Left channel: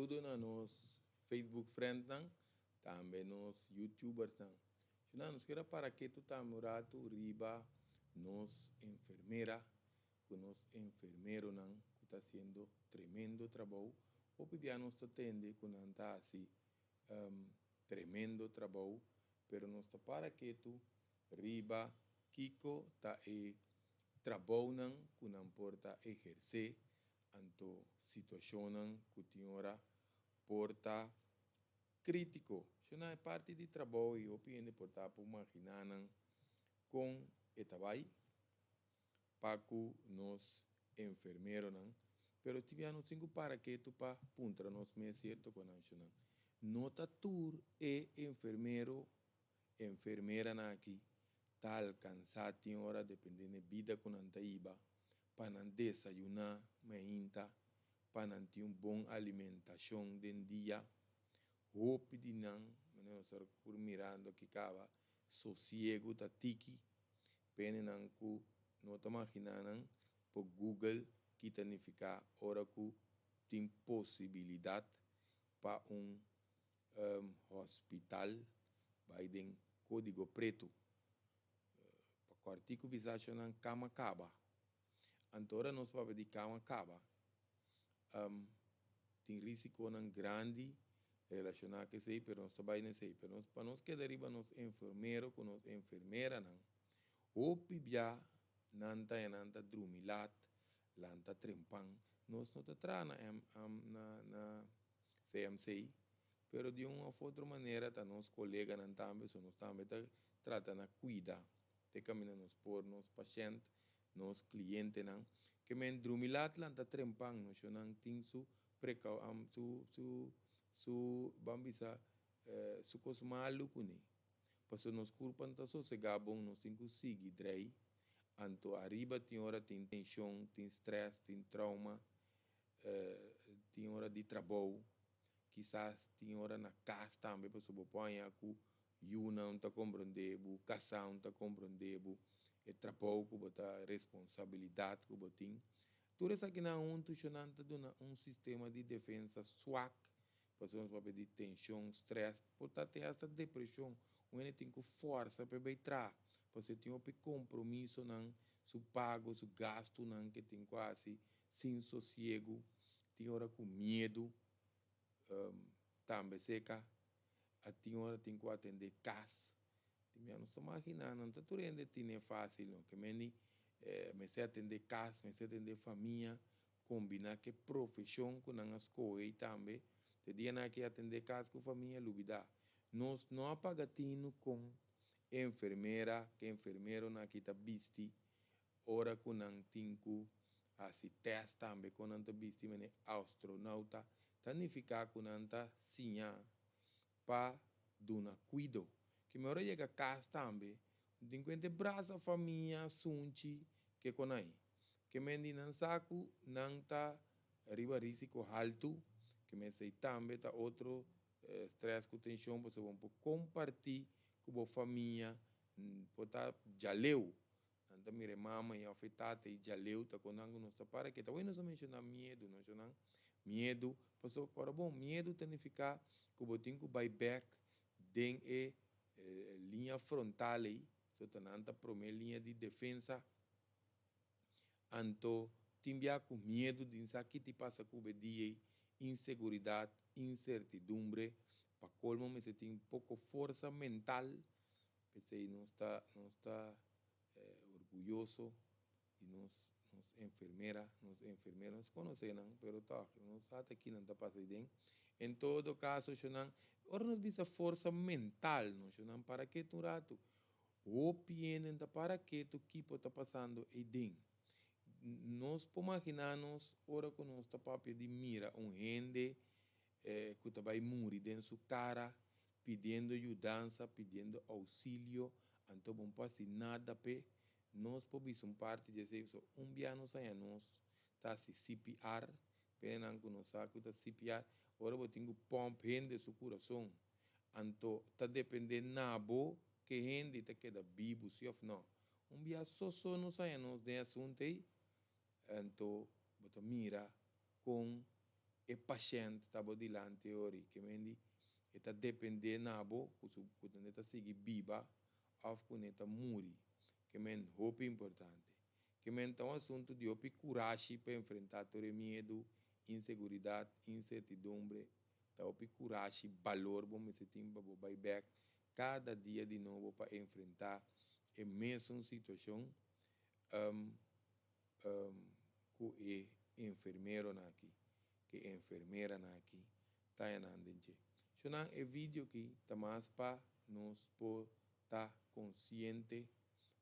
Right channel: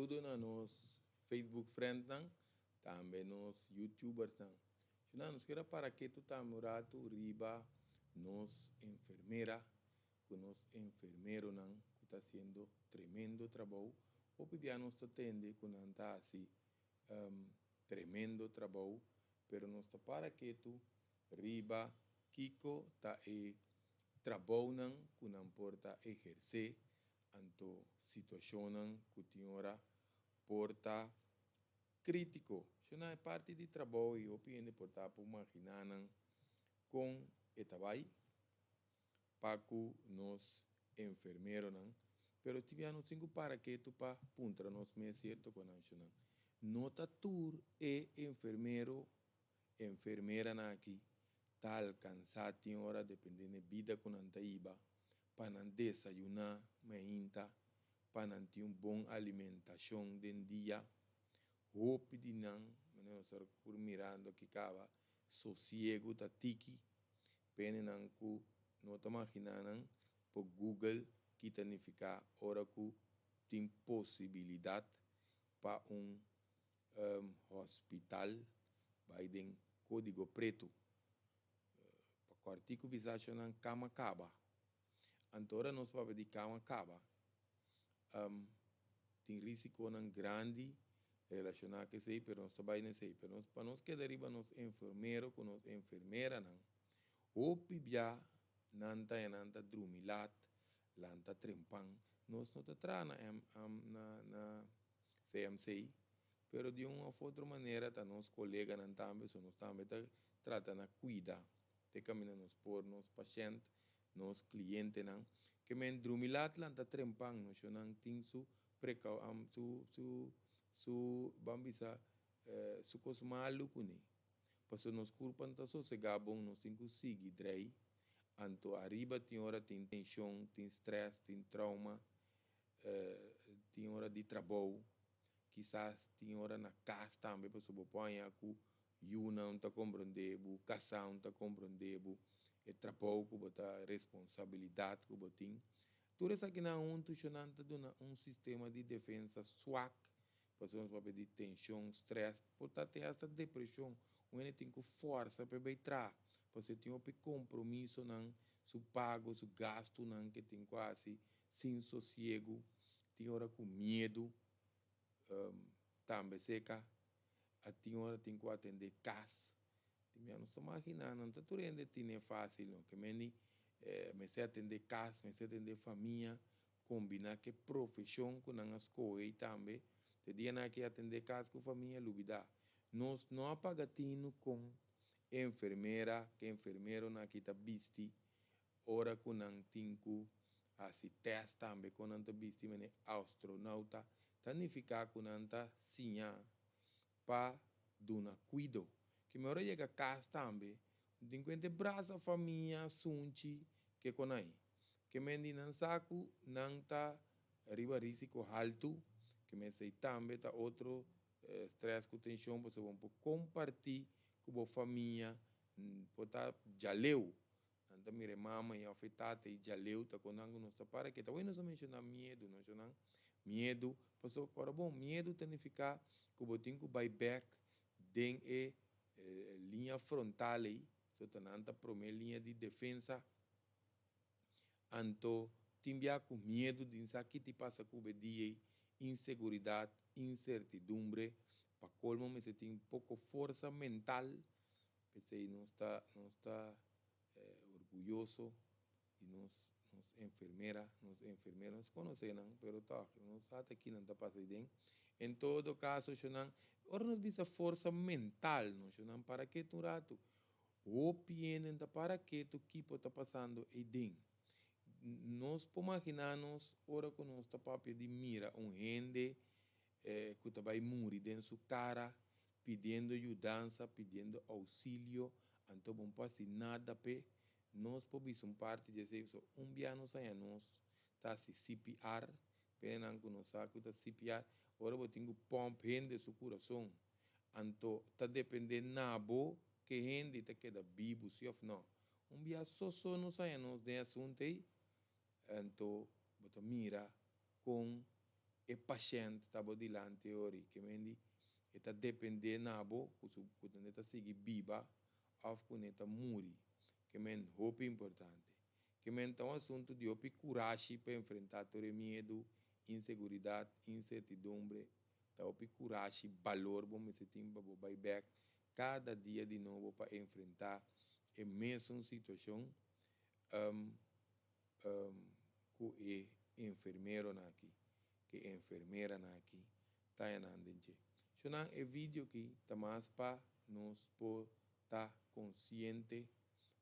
saludo na nos Facebook friend nang, também nos YouTubers nang. Chuna nos quer para que tu tamurato riba nos enfermera, que nos enfermero nang, que está haciendo tremendo trabalho, o pibia nos atende com anta assim tremendo trabalho, pero nos para que tu riba kiko ta e trabalho nang que não porta exercer anto situação nang que tinha porta crítico. Isso não é parte de trabalho e opinião porta por imaginar com etabai paco nos enfermeiro nang, pero tiviano cinco para que tu pa puntra nos me certo com não. Nota tur e enfermeiro enfermeira na aqui tal cansado tem hora dependendo da vida com anta iba para não desayunar mainta para não ter bom alimentação den dia hope de não nós por mirando que cava sossego tá tiki pene não ku não tá imaginando por Google que significa hora que tem possibilidade para hospital vai den código preto para o artigo visagem não cama caba antora nós para de cama caba tem risco não grande relacionado que sei pero nós vai nem sei pero nós para nós que deriva nos enfermeiro com nos enfermeira não o pibia nanta drumilat lanta trempan nós não tá na CMC pero de uma ou outra maneira tá nos colega não também só nós também tá trata na cuida te camina nos por nos paciente nos cliente não que men drumilat lanta trempan nós não tem su precau su bambisa su cos malu kuni passo nos culpan tá sossegabon nos tem que seguir drei anto arriba tem hora tem tensão tem stress tem trauma tem hora de trabalho quizás tem hora na casa também para sobreponha que you não está compreendendo casa não está compreendendo é trabalho que bota responsabilidade que bota tem tudo isso aqui não funcionando dona sistema de defesa swak pessoas para pedir tensão stress portanto tem essa depressão onde tem que força para entrar você tem um compromisso não su pago su gasto não que tem quase sem sossego tem hora com medo também seca a tem hora tem que atender casa tem não estou imaginando não tá tudo ainda tem fácil não que me sei atender casa me sei atender família combinar que profissão com a escola e também te dia na que atender casa com família lubida nós não apagatino com enfermeira que enfermeiro na que tá visti ora com não tinco assim teste também com não tá visti mas astronauta significa com não tá sinha para dona cuido que me hora chega a casa também tem que ter braço família sunchi que com aí que me não saco não tá arriba risco alto que me sei também tá outro stress com tensão você vão compartilhar com a família pota jaleu anda mire mama e afetada e jaleu tá com algo não para que tá bueno só mencionar medo não mencionar medo passou agora bom medo significa que o tem que back den linha frontal aí só tá nanta primeira linha de defesa anto timbia com medo de saber que passa com o dia inseguridade incertidumbre para colmo me se tem pouco força mental pensei não está orgulhoso e nos enfermeiras conhecem não pero tá não sabe que não está passando bem em todo caso não ora nos visa força mental não para que tu rato o pienen da para que tu equipo está passando e ding nós imaginamos ora que nós está papel de mira gente que está vai morrer dentro sua cara pedindo ajudança pedindo auxílio então não passa nada pe nós podemos parte de isso dia nós aí nós tá se CPR pena que nós sabe que CPR ora eu tenho pompa de seu coração então tá dependendo nabo que gente tá queda vivo se ou não dia só nós aí nós de assunto aí então bota mira com e paciente tabo dilante ori que mendi eta depende nabo kusu neta sigi biba of kuneta muri que men hope importante que men tá um assunto de opi coragem para enfrentar todo medo inseguridade incertidumbre tá opi coragem valor bom me sentir para vai back cada dia de novo para enfrentar a mesma situação um, que é enfermeiro aqui que enfermeira aqui tá andando. Então, é vídeo que tá mais para nós por estar consciente,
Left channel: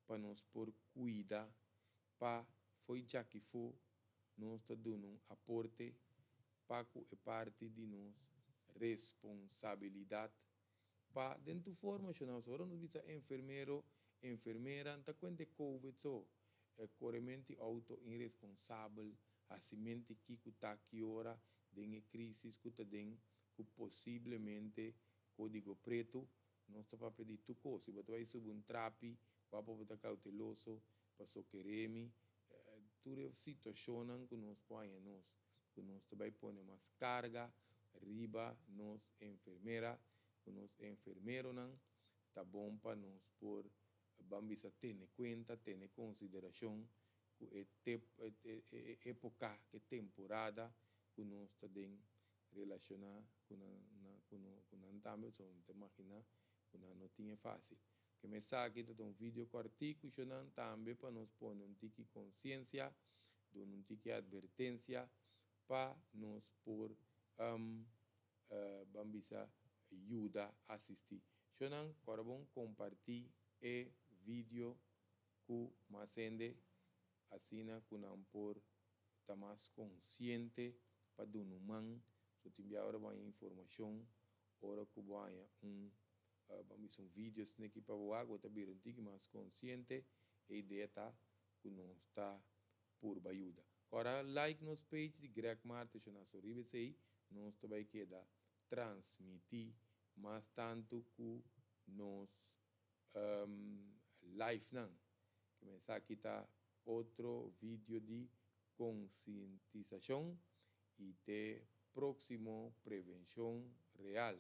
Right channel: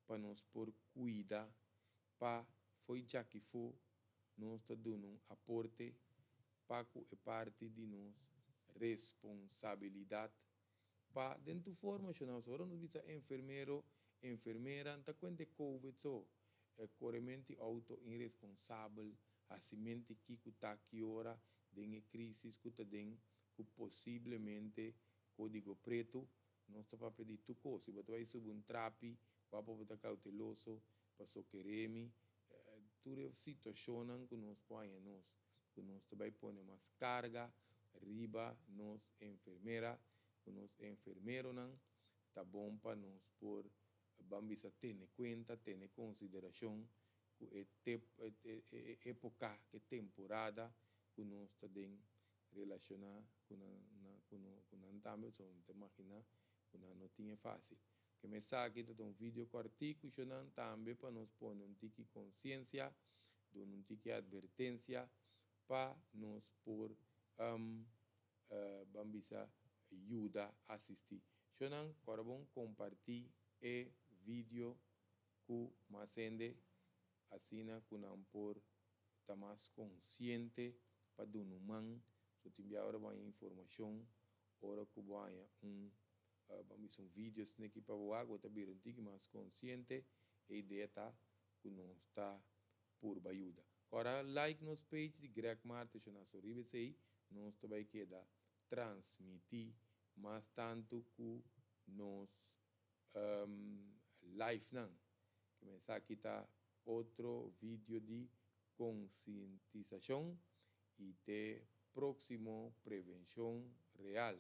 para nós por cuidar, para foi já que for, nós tá dando um aporte para que é parte de nós responsabilidade para dentro formação, agora nós visa enfermeiro, enfermeira, tá quando COVID só, é corrente auto irresponsável, assim que tá que hora de crise que tá den que possivelmente código preto não está para pedir tu coisa, se você vai subir um trapi, vai para estar cauteloso, para socorrer-me, toda situação que nós põe nós, que nós vai pôr mais carga, riba, nós enfermeira, que nós enfermeiro não, tá bom para nós por vamos a ter conta, ter consideração que época, que temporada que nós também relacionar com a também só não imagina que não tinha fácil que me sabe que um vídeo curtico também para nós pôr um tique consciência um tique advertência para nós por vamos a ajuda a assistir então agora vamos compartilhar e vídeo que mais ende assim que não por estar mais consciente para do man so te enviar agora uma informação ora que vai vamos vídeo aqui para o água tá bem antigo mais consciente e ideia tá que não está por ajuda agora like nos page de Greg Martes na sorribe sei nós também queda transmitir mais tanto que nos live não que me aqui tá outro vídeo de conscientização e de próximo prevenção real